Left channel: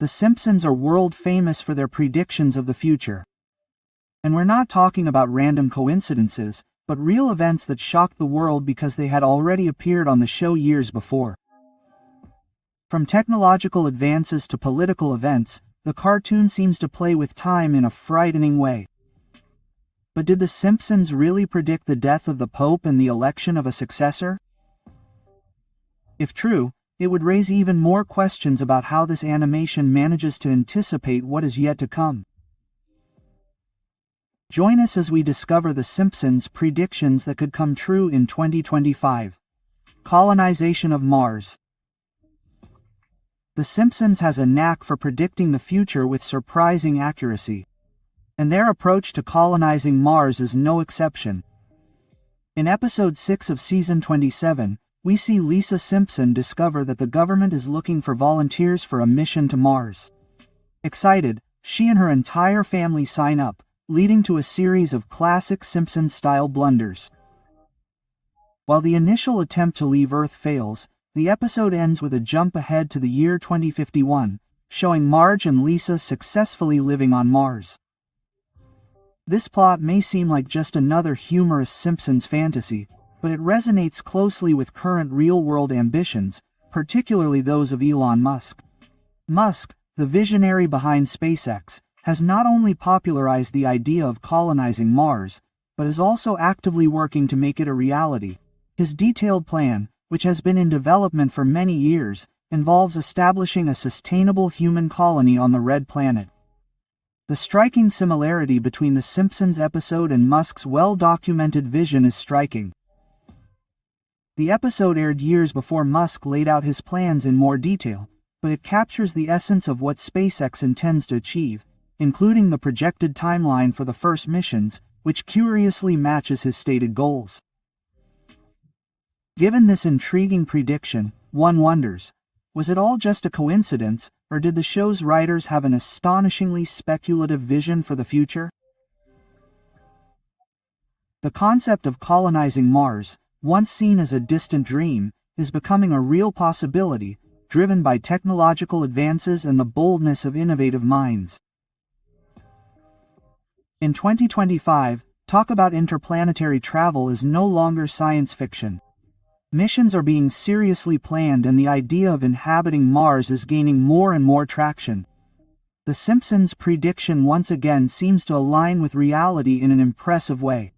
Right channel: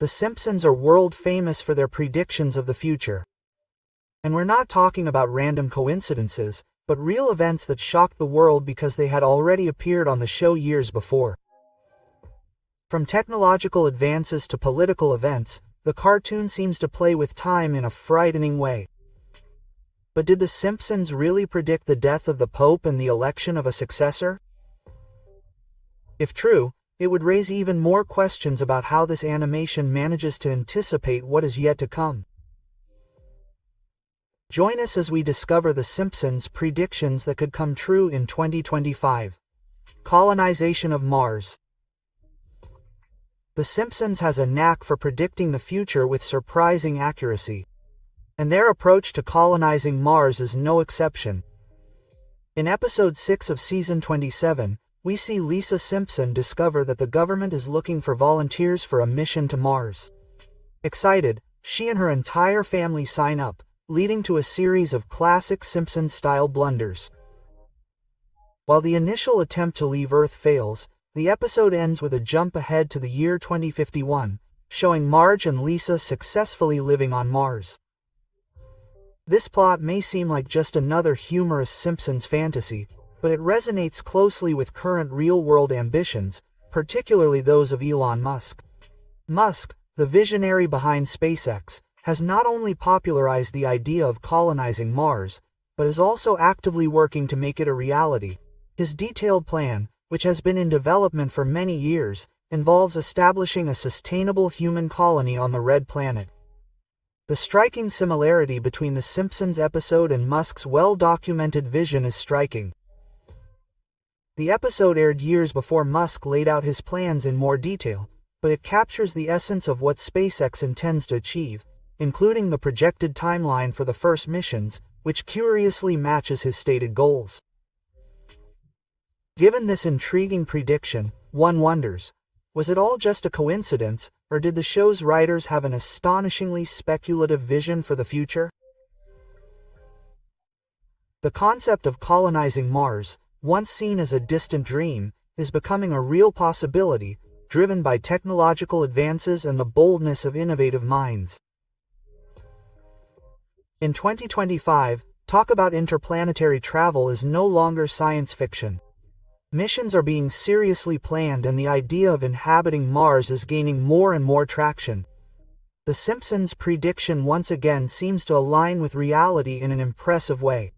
The Simpsons are world famous for their predictions of the future. And we're not talking about random coincidences, but real events that shocked the world because they had already appeared on the show years before. From technological advances to political events, the cartoon seems to play with time in a frightening way. But did The Simpsons really predict the death of the Pope and the election of a successor? If true, it would raise even more questions about how this animation manages to anticipate what is yet to come. Join us as we discover The Simpsons' predictions that could come true in 2025. Colonization of Mars. The Simpsons has a knack for predicting the future with surprising accuracy. And their approach to colonizing Mars is no exception. In episode 6 of season 27, we see Lisa Simpson discover that the government is looking for volunteers for a mission to Mars. Excited, she and her entire family sign up, leading to a series of classic Simpsons-style blunders. While the initial attempt to leave Earth fails, the episode ends with a jump ahead to the year 2051, showing Marge and Lisa successfully living on Mars. This plot may seem like just another humorous Simpsons fantasy, but it resonates closely with current real-world ambitions, particularly those of Elon Musk. Musk, the visionary behind SpaceX, has not only popularized the idea of colonizing Mars, but is also actively working to make it a reality. His detailed plan, which has been in development for many years, involves establishing a sustainable human colony on the Red Planet. The striking similarity between the Simpsons episode and Musk's well-documented vision is striking. The episode aired years before Musk laid out his plans in more detail, but it captures the essence of what SpaceX intends to achieve, including the projected timeline for the first missions, which curiously matches his stated goals. Given this intriguing prediction, one wonders, was it all just a coincidence, or did the show's writers have an astonishingly speculative vision for the future? The concept of colonizing Mars, once seen as a distant dream, is becoming a real possibility, driven by technological advances and the boldness of innovative minds. In 2025, talk about interplanetary travel is no longer science fiction. Missions are being seriously planned and the idea of inhabiting Mars is gaining more and more traction. The Simpsons' prediction once again seems to align with reality in an impressive way.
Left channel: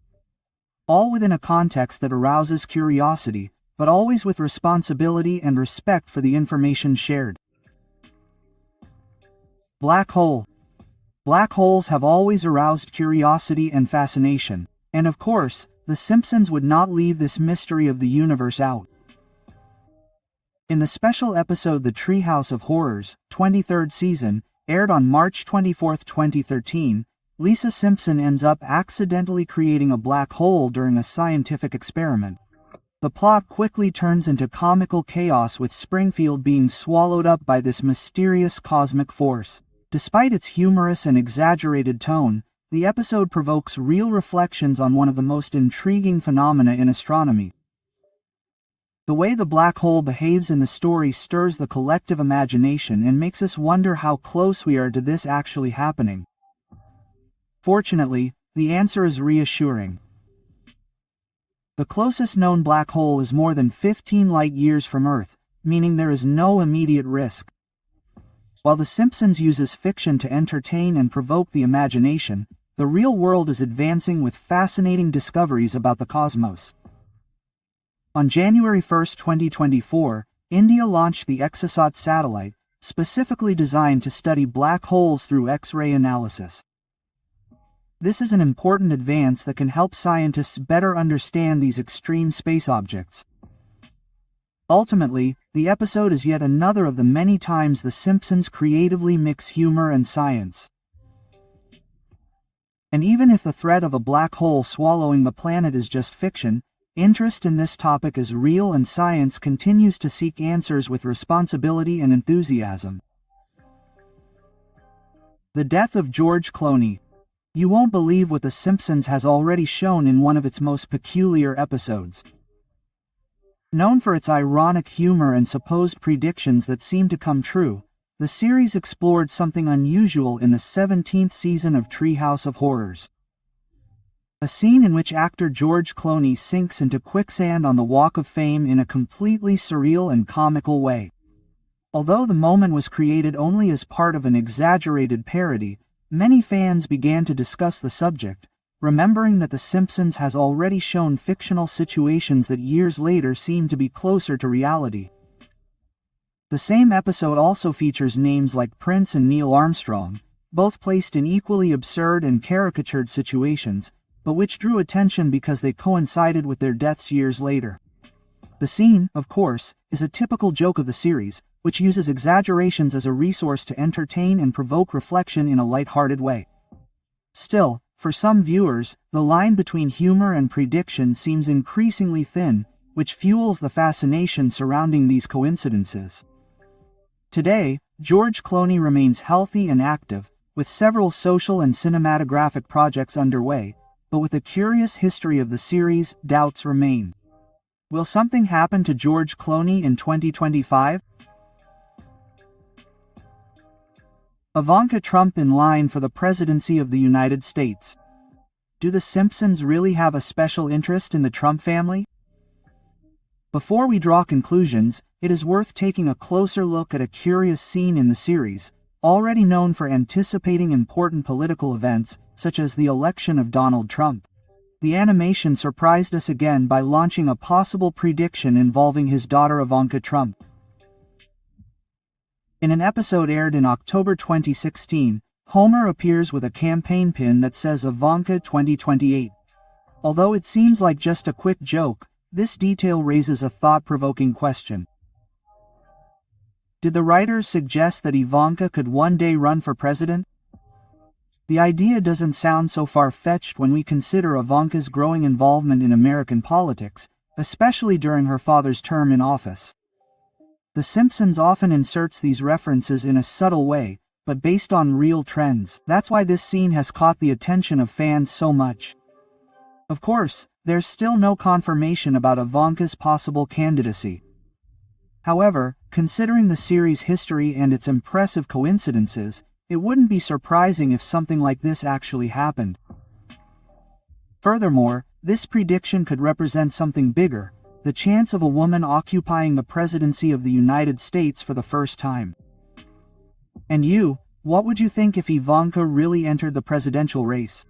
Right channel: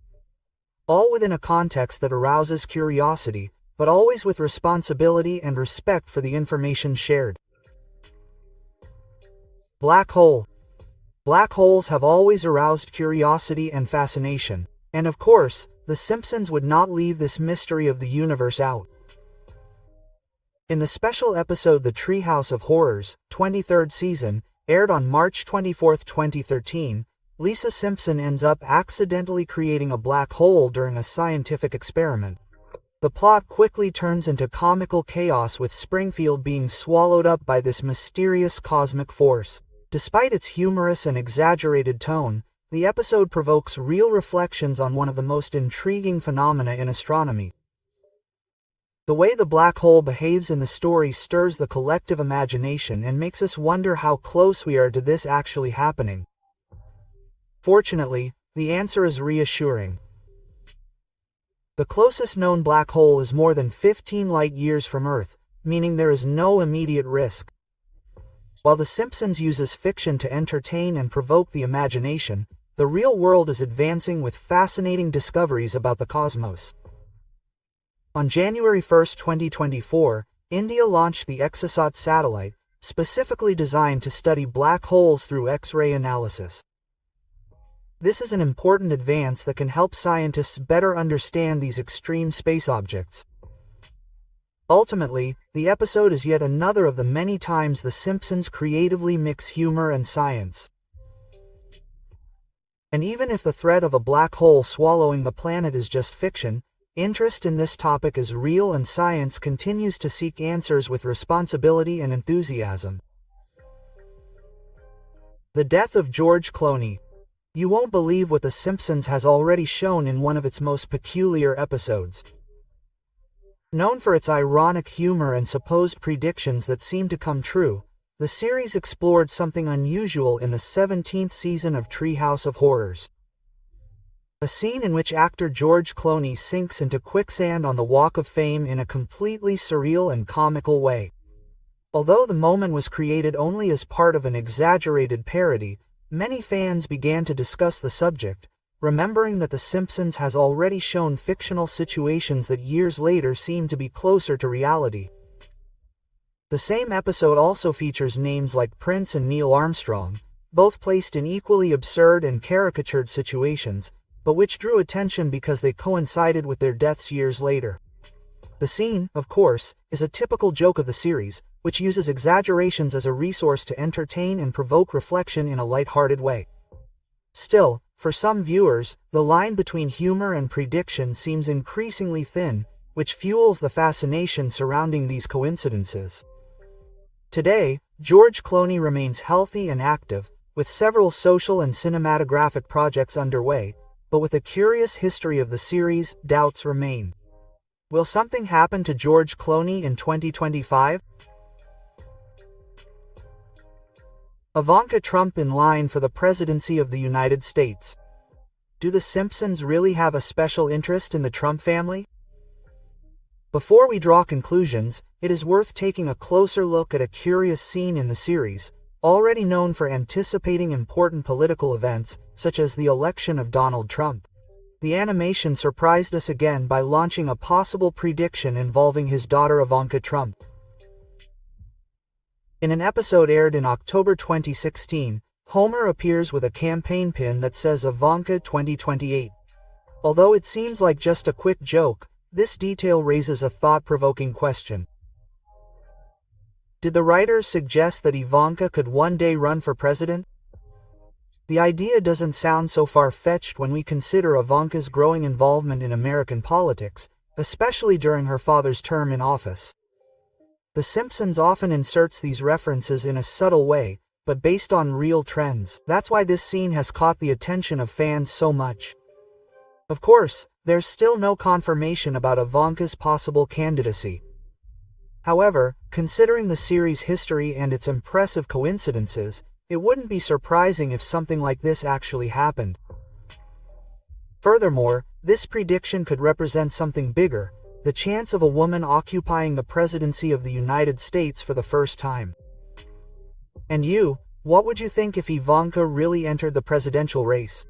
All within a context that arouses curiosity, but always with responsibility and respect for the information shared. Black hole. Black holes have always aroused curiosity and fascination, and of course, The Simpsons would not leave this mystery of the universe out. In the special episode The Treehouse of Horrors, 23rd season, aired on March 24, 2013, Lisa Simpson ends up accidentally creating a black hole during a scientific experiment. The plot quickly turns into comical chaos with Springfield being swallowed up by this mysterious cosmic force. Despite its humorous and exaggerated tone, the episode provokes real reflections on one of the most intriguing phenomena in astronomy. The way the black hole behaves in the story stirs the collective imagination and makes us wonder how close we are to this actually happening. Fortunately, the answer is reassuring. The closest known black hole is more than 15 light-years from Earth, meaning there is no immediate risk. While The Simpsons uses fiction to entertain and provoke the imagination, the real world is advancing with fascinating discoveries about the cosmos. On January 1, 2024, India launched the Exosat satellite, specifically designed to study black holes through X-ray analysis. This is an important advance that can help scientists better understand these extreme space objects. Ultimately, the episode is yet another of the many times The Simpsons creatively mix humor and science. And even if the threat of a black hole swallowing the planet is just fiction, interest in this topic is real and science continues to seek answers with responsibility and enthusiasm. The death of George Clooney. You won't believe what The Simpsons has already shown in one of its most peculiar episodes. Known for its ironic humor and supposed predictions that seem to come true, the series explored something unusual in the 17th season of Treehouse of Horrors. A scene in which actor George Clooney sinks into quicksand on the Walk of Fame in a completely surreal and comical way. Although the moment was created only as part of an exaggerated parody, many fans began to discuss the subject, remembering that The Simpsons has already shown fictional situations that years later seem to be closer to reality. The same episode also features names like Prince and Neil Armstrong, both placed in equally absurd and caricatured situations, but which drew attention because they coincided with their deaths years later. The scene, of course, is a typical joke of the series, which uses exaggerations as a resource to entertain and provoke reflection in a light-hearted way. Still, for some viewers, the line between humor and prediction seems increasingly thin, which fuels the fascination surrounding these coincidences. Today, George Clooney remains healthy and active, with several social and cinematographic projects underway, but with a curious history of the series, doubts remain. Will something happen to George Clooney in 2025? Ivanka Trump in line for the presidency of the United States. Do The Simpsons really have a special interest in the Trump family? Before we draw conclusions, it is worth taking a closer look at a curious scene in the series, already known for anticipating important political events, such as the election of Donald Trump. The animation surprised us again by launching a possible prediction involving his daughter Ivanka Trump. In an episode aired in October 2016, Homer appears with a campaign pin that says Ivanka 2028. Although it seems like just a quick joke, this detail raises a thought-provoking question. Did the writers suggest that Ivanka could one day run for president? The idea doesn't sound so far-fetched when we consider Ivanka's growing involvement in American politics, especially during her father's term in office. The Simpsons often inserts these references in a subtle way, but based on real trends. That's why this scene has caught the attention of fans so much. Of course, there's still no confirmation about Ivanka's possible candidacy. However, considering the series' history and its impressive coincidences, it wouldn't be surprising if something like this actually happened. Furthermore, this prediction could represent something bigger, the chance of a woman occupying the presidency of the United States for the first time. And you, what would you think if Ivanka really entered the presidential race?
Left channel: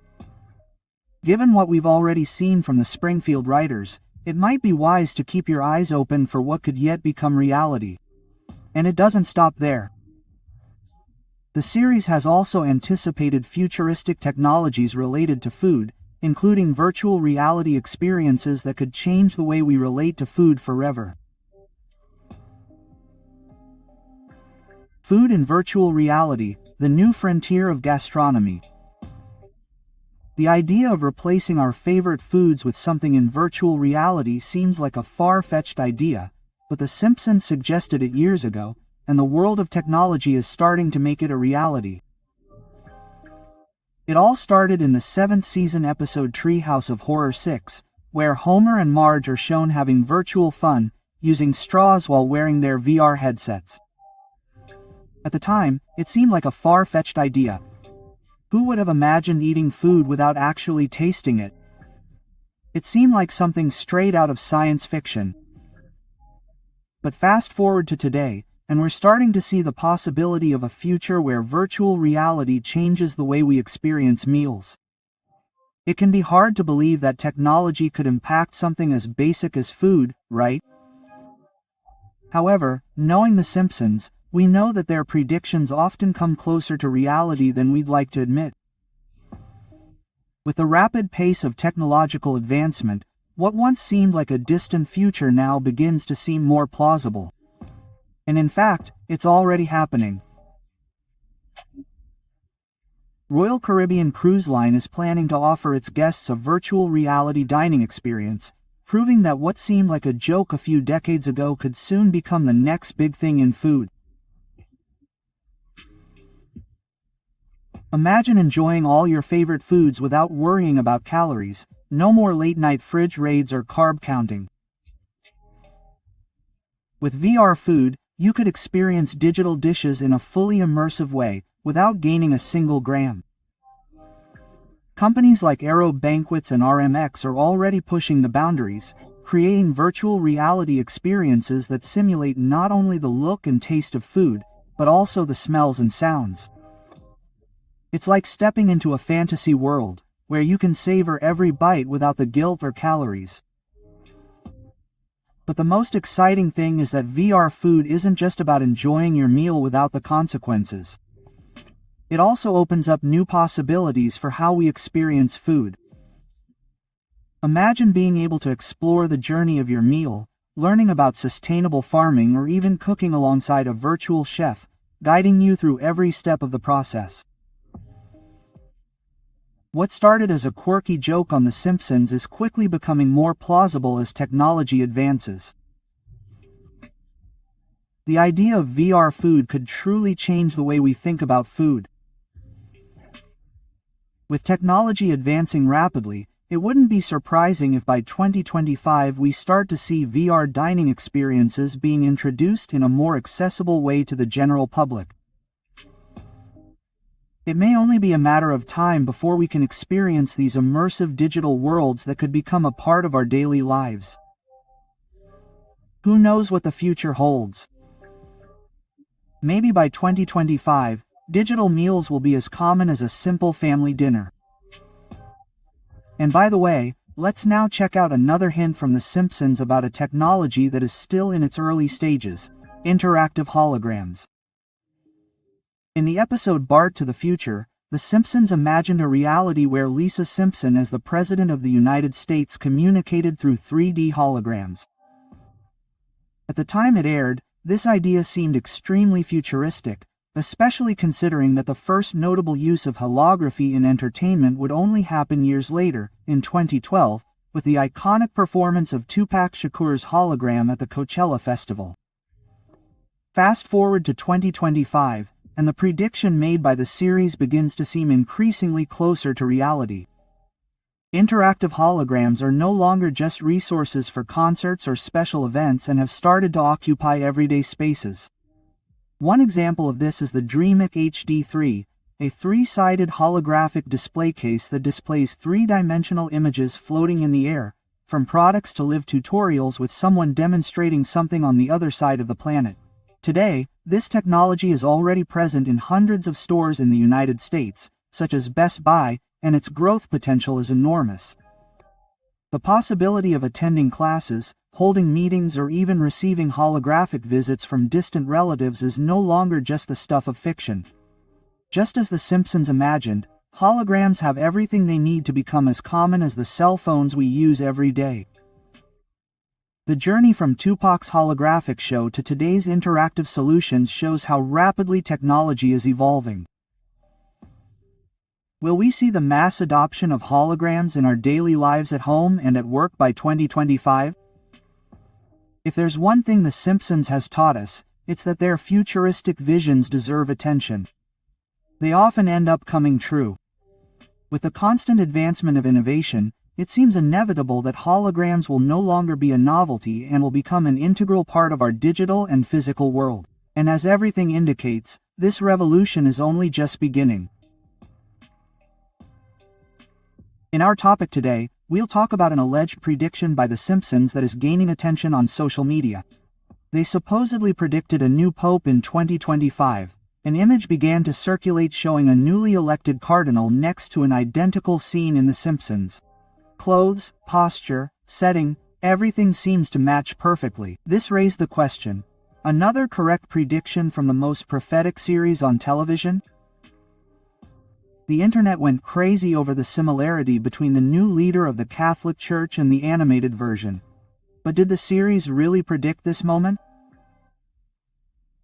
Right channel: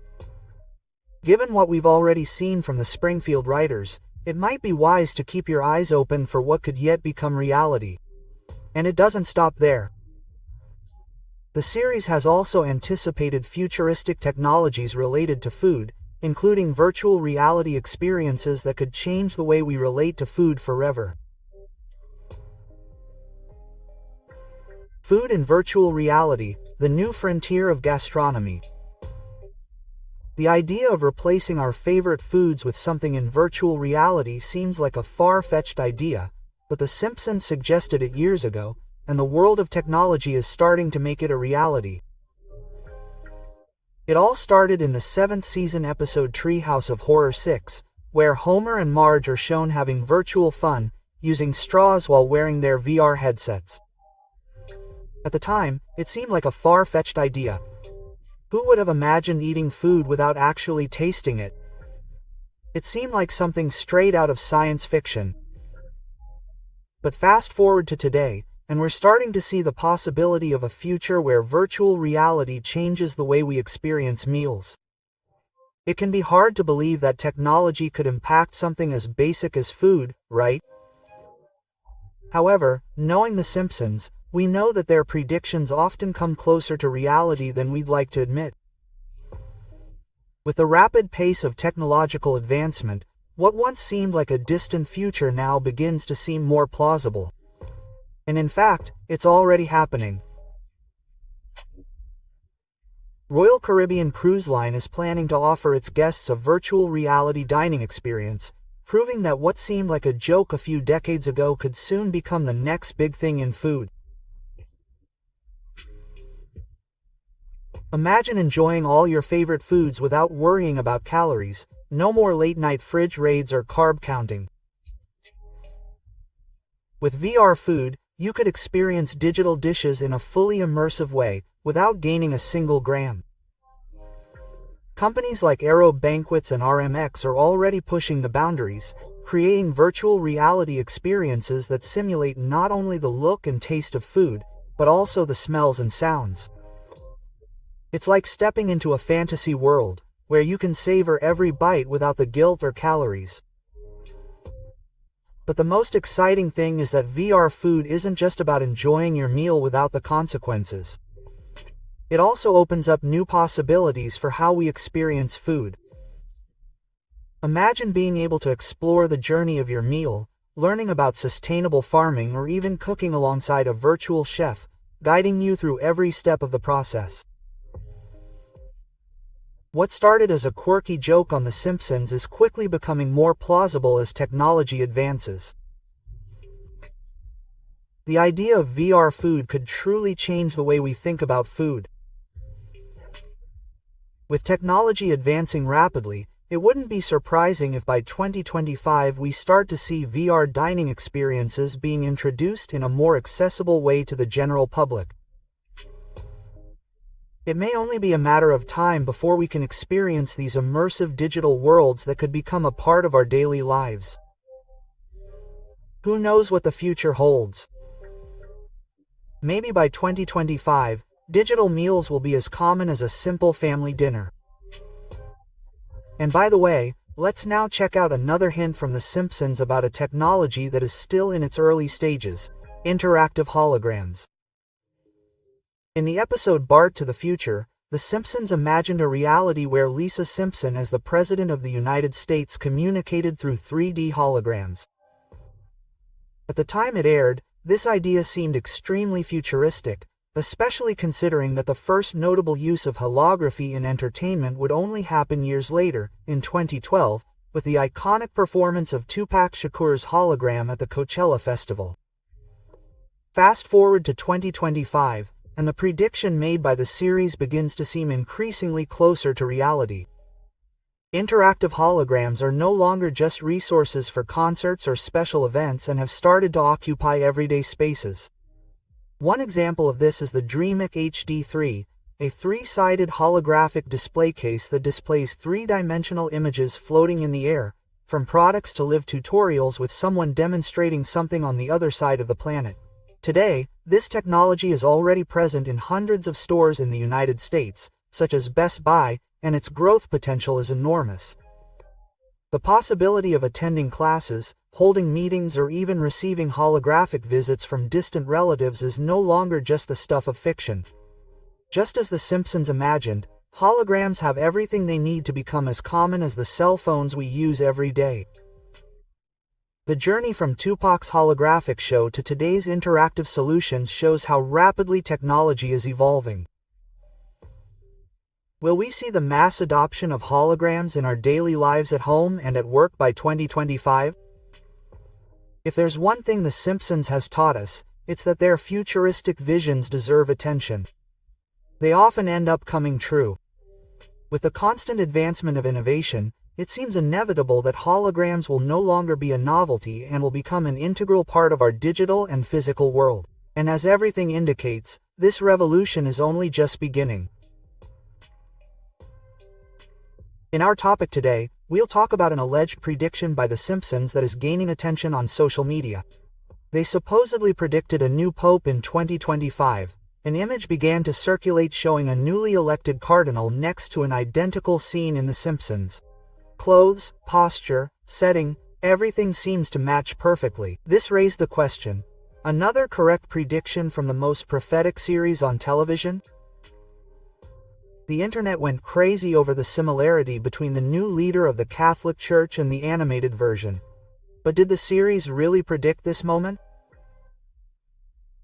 Given what we've already seen from the Springfield writers, it might be wise to keep your eyes open for what could yet become reality. And it doesn't stop there. The series has also anticipated futuristic technologies related to food, including virtual reality experiences that could change the way we relate to food forever. Food in virtual reality, the new frontier of gastronomy. The idea of replacing our favorite foods with something in virtual reality seems like a far-fetched idea, but The Simpsons suggested it years ago, and the world of technology is starting to make it a reality. It all started in the 7th season episode Treehouse of Horror 6, where Homer and Marge are shown having virtual fun, using straws while wearing their VR headsets. At the time, it seemed like a far-fetched idea. Who would have imagined eating food without actually tasting it? It seemed like something straight out of science fiction. But fast forward to today, and we're starting to see the possibility of a future where virtual reality changes the way we experience meals. It can be hard to believe that technology could impact something as basic as food, right? However, knowing The Simpsons, we know that their predictions often come closer to reality than we'd like to admit. With the rapid pace of technological advancement, what once seemed like a distant future now begins to seem more plausible. And in fact, it's already happening. Royal Caribbean Cruise Line is planning to offer its guests a virtual reality dining experience, proving that what seemed like a joke a few decades ago could soon become the next big thing in food. Imagine enjoying all your favorite foods without worrying about calories, no more late-night fridge raids or carb counting. With VR food, you could experience digital dishes in a fully immersive way, without gaining a single gram. Companies like Aero Banquets and RMX are already pushing the boundaries, creating virtual reality experiences that simulate not only the look and taste of food, but also the smells and sounds. It's like stepping into a fantasy world, where you can savor every bite without the guilt or calories. But the most exciting thing is that VR food isn't just about enjoying your meal without the consequences. It also opens up new possibilities for how we experience food. Imagine being able to explore the journey of your meal, learning about sustainable farming, or even cooking alongside a virtual chef, guiding you through every step of the process. What started as a quirky joke on The Simpsons is quickly becoming more plausible as technology advances. The idea of VR food could truly change the way we think about food. With technology advancing rapidly, it wouldn't be surprising if by 2025 we start to see VR dining experiences being introduced in a more accessible way to the general public. It may only be a matter of time before we can experience these immersive digital worlds that could become a part of our daily lives. Who knows what the future holds? Maybe by 2025, digital meals will be as common as a simple family dinner. And by the way, let's now check out another hint from The Simpsons about a technology that is still in its early stages: interactive holograms. In the episode Bart to the Future, The Simpsons imagined a reality where Lisa Simpson as the President of the United States communicated through 3D holograms. At the time it aired, this idea seemed extremely futuristic, especially considering that the first notable use of holography in entertainment would only happen years later, in 2012, with the iconic performance of Tupac Shakur's hologram at the Coachella Festival. Fast forward to 2025, and the prediction made by the series begins to seem increasingly closer to reality. Interactive holograms are no longer just resources for concerts or special events and have started to occupy everyday spaces. One example of this is the DreamIC HD3, a three-sided holographic display case that displays three-dimensional images floating in the air, from products to live tutorials with someone demonstrating something on the other side of the planet. Today, this technology is already present in hundreds of stores in the United States, such as Best Buy, and its growth potential is enormous. The possibility of attending classes, holding meetings, or even receiving holographic visits from distant relatives is no longer just the stuff of fiction. Just as The Simpsons imagined, holograms have everything they need to become as common as the cell phones we use every day. The journey from Tupac's holographic show to today's interactive solutions shows how rapidly technology is evolving. Will we see the mass adoption of holograms in our daily lives at home and at work by 2025? If there's one thing The Simpsons has taught us, it's that their futuristic visions deserve attention. They often end up coming true. With the constant advancement of innovation, it seems inevitable that holograms will no longer be a novelty and will become an integral part of our digital and physical world. And as everything indicates, this revolution is only just beginning. In our topic today, we'll talk about an alleged prediction by The Simpsons that is gaining attention on social media. They supposedly predicted a new pope in 2025. An image began to circulate showing a newly elected cardinal next to an identical scene in The Simpsons. Clothes, posture, setting, everything seems to match perfectly. This raised the question: another correct prediction from the most prophetic series on television? The internet went crazy over the similarity between the new leader of the Catholic Church and the animated version. But did the series really predict this moment?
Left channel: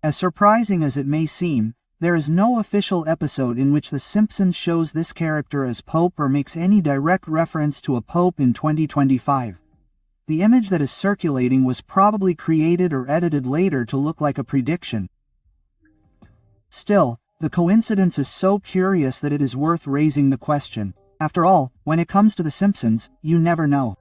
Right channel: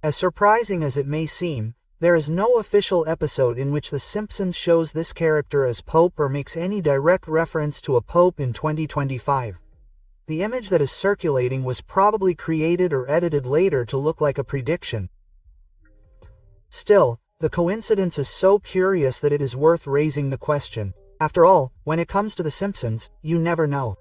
As surprising as it may seem, there is no official episode in which The Simpsons shows this character as Pope or makes any direct reference to a Pope in 2025. The image that is circulating was probably created or edited later to look like a prediction. Still, the coincidence is so curious that it is worth raising the question. After all, when it comes to The Simpsons, you never know.